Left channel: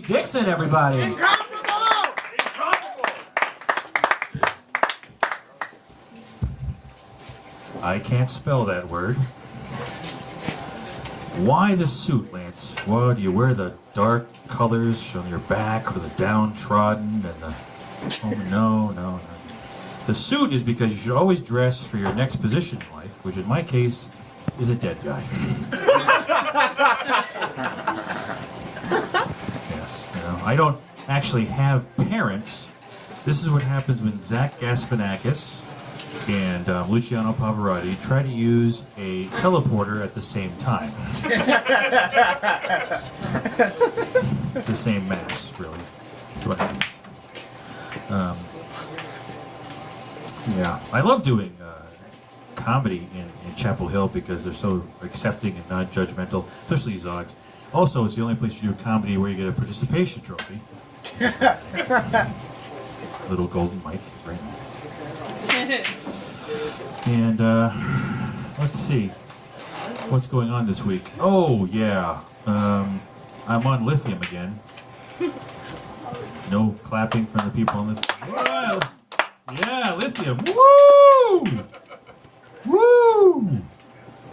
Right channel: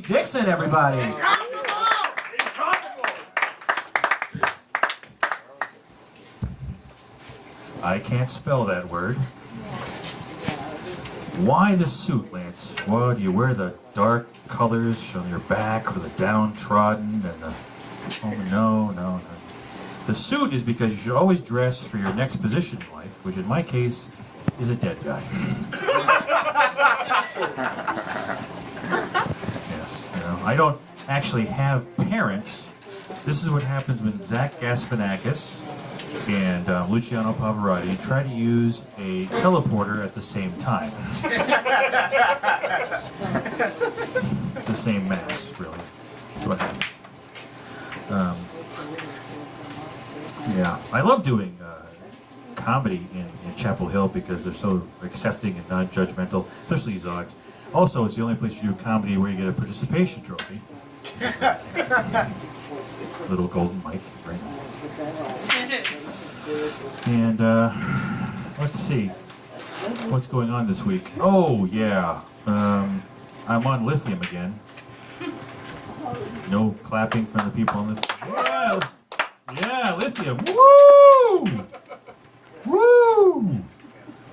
Dixon, everybody. I can't spell that word. Why the suit, Lance? Well, do you wear the dark colors on your back for the downtrodden and the... Oh, no. The suit is because you should always dress for your next position in life, which in my case is a dead guy. Yes, I don't actually have parents. This is what happens when Zach Galifianakis and Luciano Pavarotti try to use a teleporter at the same time. It's the same mass, really. That's what happens. Yeah, I love doing comedy in Chapel Hill because they're so accepting and non-judgmental, especially Zogs. Also, it's the only place you do comedy where you get a participation trophy. Little golden mic, right? And let's see, what's going on this week? Oh yeah, I'm on lithium again. No clapping from the people on lithium. Whoa! Yeah, lithium. Woo! Woo!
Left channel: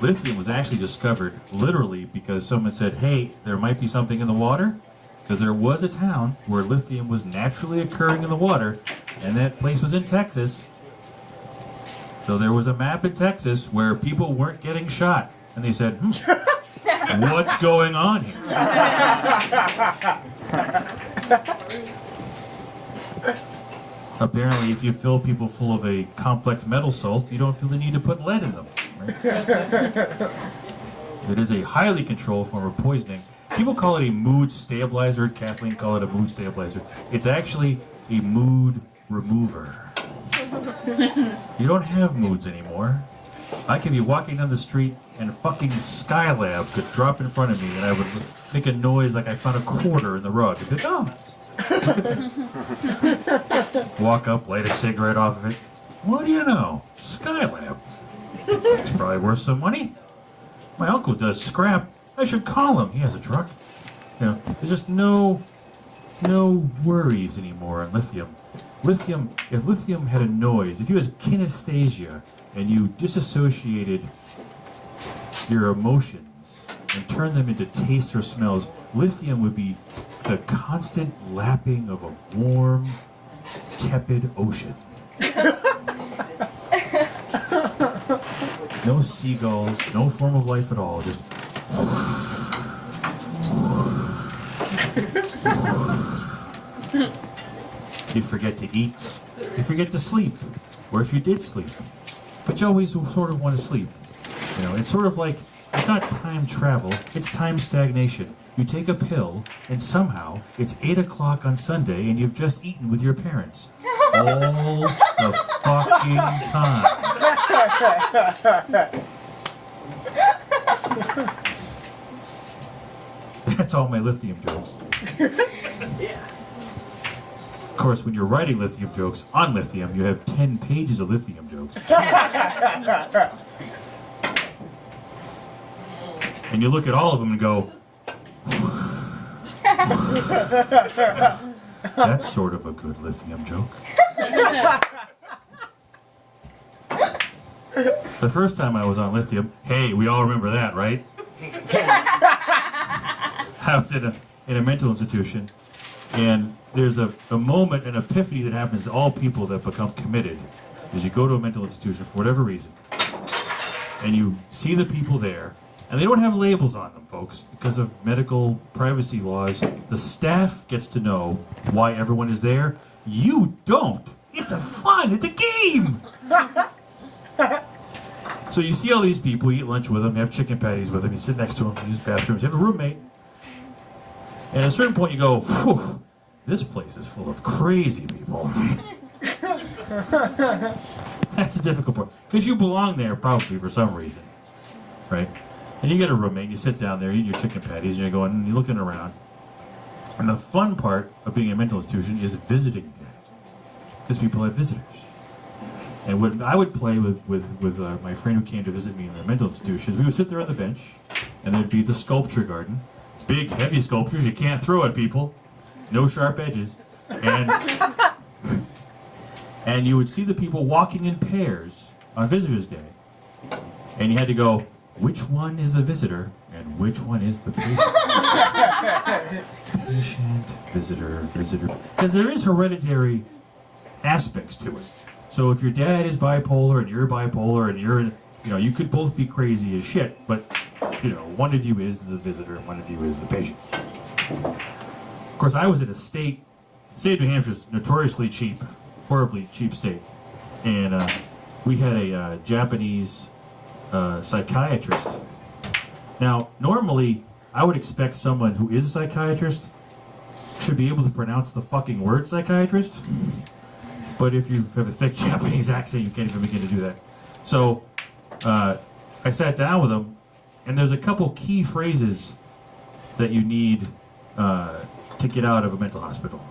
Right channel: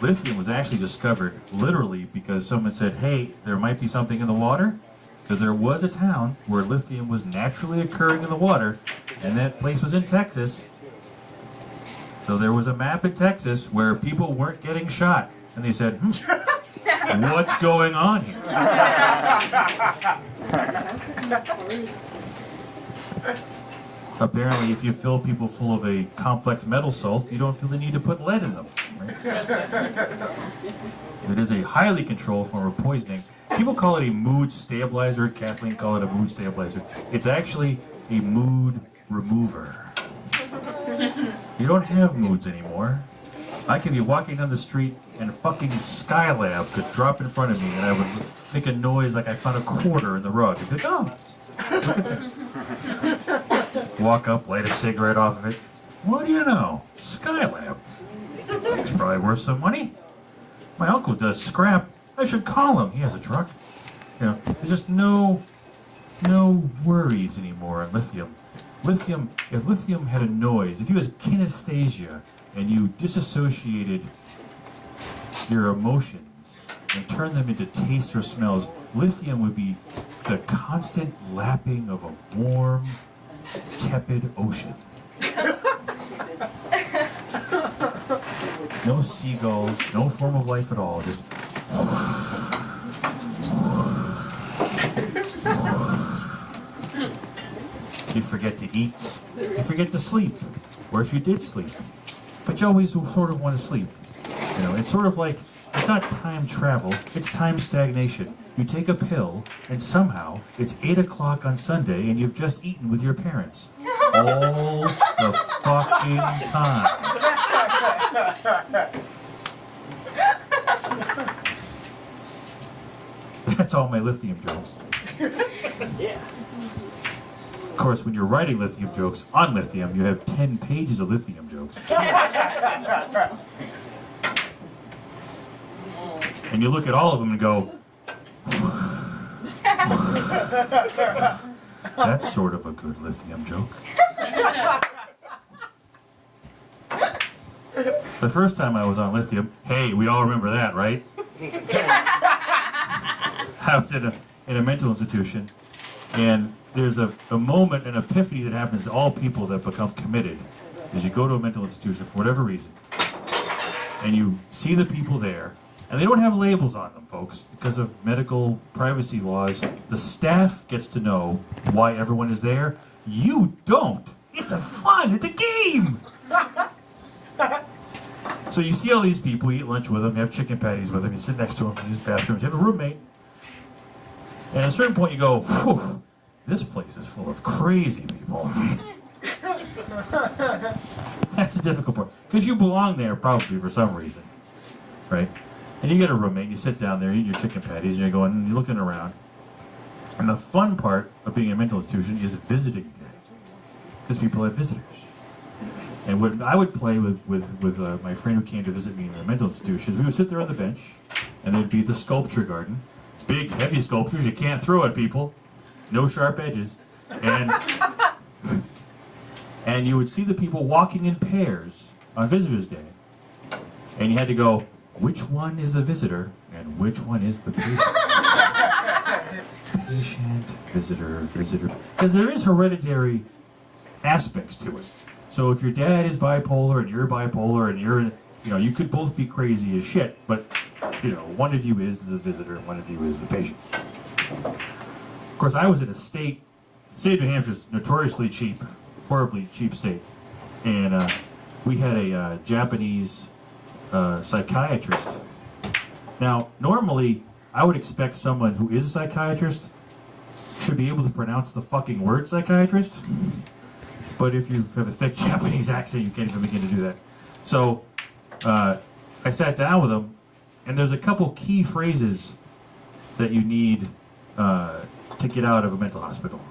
Lithium was actually discovered literally because someone said, hey, there might be something in the water. Because there was a town where lithium was naturally occurring in the water, and that place was in Texas. So there was a map in Texas where people weren't getting shot. And they said, what's going on here? Apparently, if you fill people full of a complex metal salt, you don't feel the need to put lead in them. Right? It is a highly controlled form of poisoning. People call it a mood stabilizer. Kathleen called it a mood stabilizer. It's actually a mood remover. You don't have moods anymore. I could be walking down the street and a fucking Skylab could drop in front of me and I would make a noise like I found a quarter in the rug. I'd be like, oh, look at this. Walk up, light a cigarette off of it. What do you know? Skylab. It's probably worth some money. My uncle does scrap. I should call him. He has a truck. There's just no worries anymore on lithium. If lithium had a noise, if you had kinesthesia and you disassociated your emotions and turned them into tastes or smells, lithium would be the constant lapping of a warm, tepid ocean. No seagulls, no form of life at all, just... You forget to eat, you forget to sleep, or if you did sleep, but you always sort of want to sleep. It's sort of like, it's not time travel, it's time stagnation. You take a pill, and somehow it's 8 o'clock on Sunday, and you've just eaten with your parents. All the fucking time. That's all my lithium jokes. Yeah. Of course, when you're writing lithium jokes on lithium, you have 10 pages of lithium jokes. And you look at all of them and go, that's sort of a good lithium joke. The first time I was on lithium, hey, we all remember that, right? I was in a mental institution, and there's a moment, an epiphany that happens to all people that become committed, is you go to a mental institution for whatever reason, and you see the people there, and they don't have labels on them, folks, because of medical privacy laws. The staff gets to know why everyone is there. You don't. It's a fun. It's a game. So you see all these people, you eat lunch with them, you have chicken patties with them, you sit next to them in these bathrooms, you have a roommate. And at a certain point you go, whew, this place is full of crazy people. That's a difficult part. Because you belong there probably for some reason, right? And you get a roommate, you sit down there, you eat your chicken patties, and you're going, and you're looking around. And the fun part of being a mental institution is visiting day. Because people have visitors. And when I would play with my friend who came to visit me in the mental institutions, we would sit there on the bench, and there'd be the sculpture garden. Big, heavy sculptures you can't throw at people. no sharp edges, and and you would see the people walking in pairs on Visitors Day, and you had to go, which one is the visitor and which one is the patient? Patient, visitor, visitor, because there is hereditary aspects to it. So if your dad is bipolar and you're bipolar and you're, you could both be crazy as shit, but, one of you is the visitor and one of you is the patient. Of course, I was in the state of New Hampshire is notoriously cheap, horribly cheap state. And we had a Japanese psychiatrist. Now, normally, I would expect someone who is a psychiatrist should be able to pronounce the fucking word psychiatrist. But if you have a thick Japanese accent, you can't even begin to do that. So, I sat down with him, and there's a couple key phrases that you need to get out of a mental hospital.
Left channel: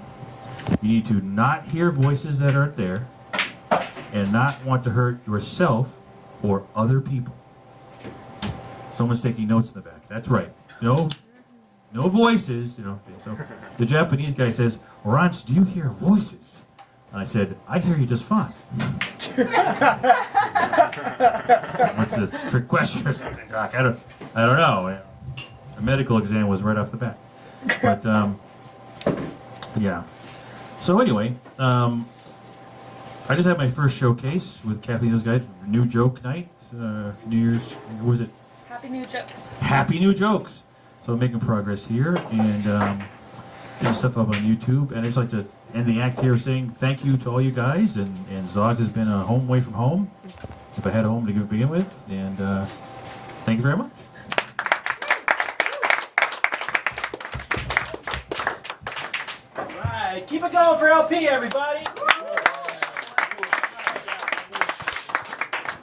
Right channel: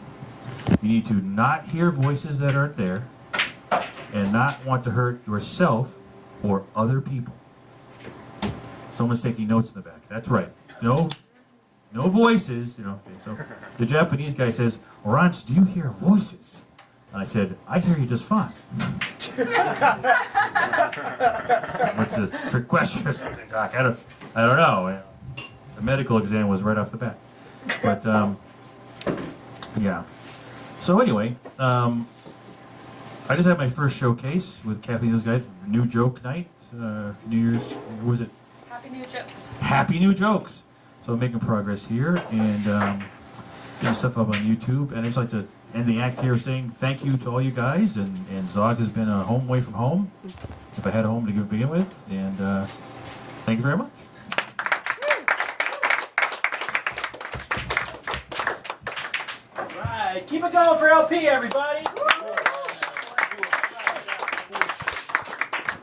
You need to not hear voices that aren't there, and not want to hurt yourself or other people. Someone's taking notes in the back. That's right. No voices. So the Japanese guy says, "Rance, do you hear voices?" And I said, "I hear you just fine." What's this trick question or something, Doc? I don't know. The medical exam was right off the bat. But yeah. So anyway, I just had my first showcase with Kathleen's Guide, New Joke Night, New Year's. What was it? Happy New Jokes. Happy New Jokes. So I'm making progress here and getting stuff up on YouTube. And I just like to end the act here saying thank you to all you guys. And Zogs has been a home away from home, if I had a home to begin with. And thank you very much. All right, keep it going for LP, everybody.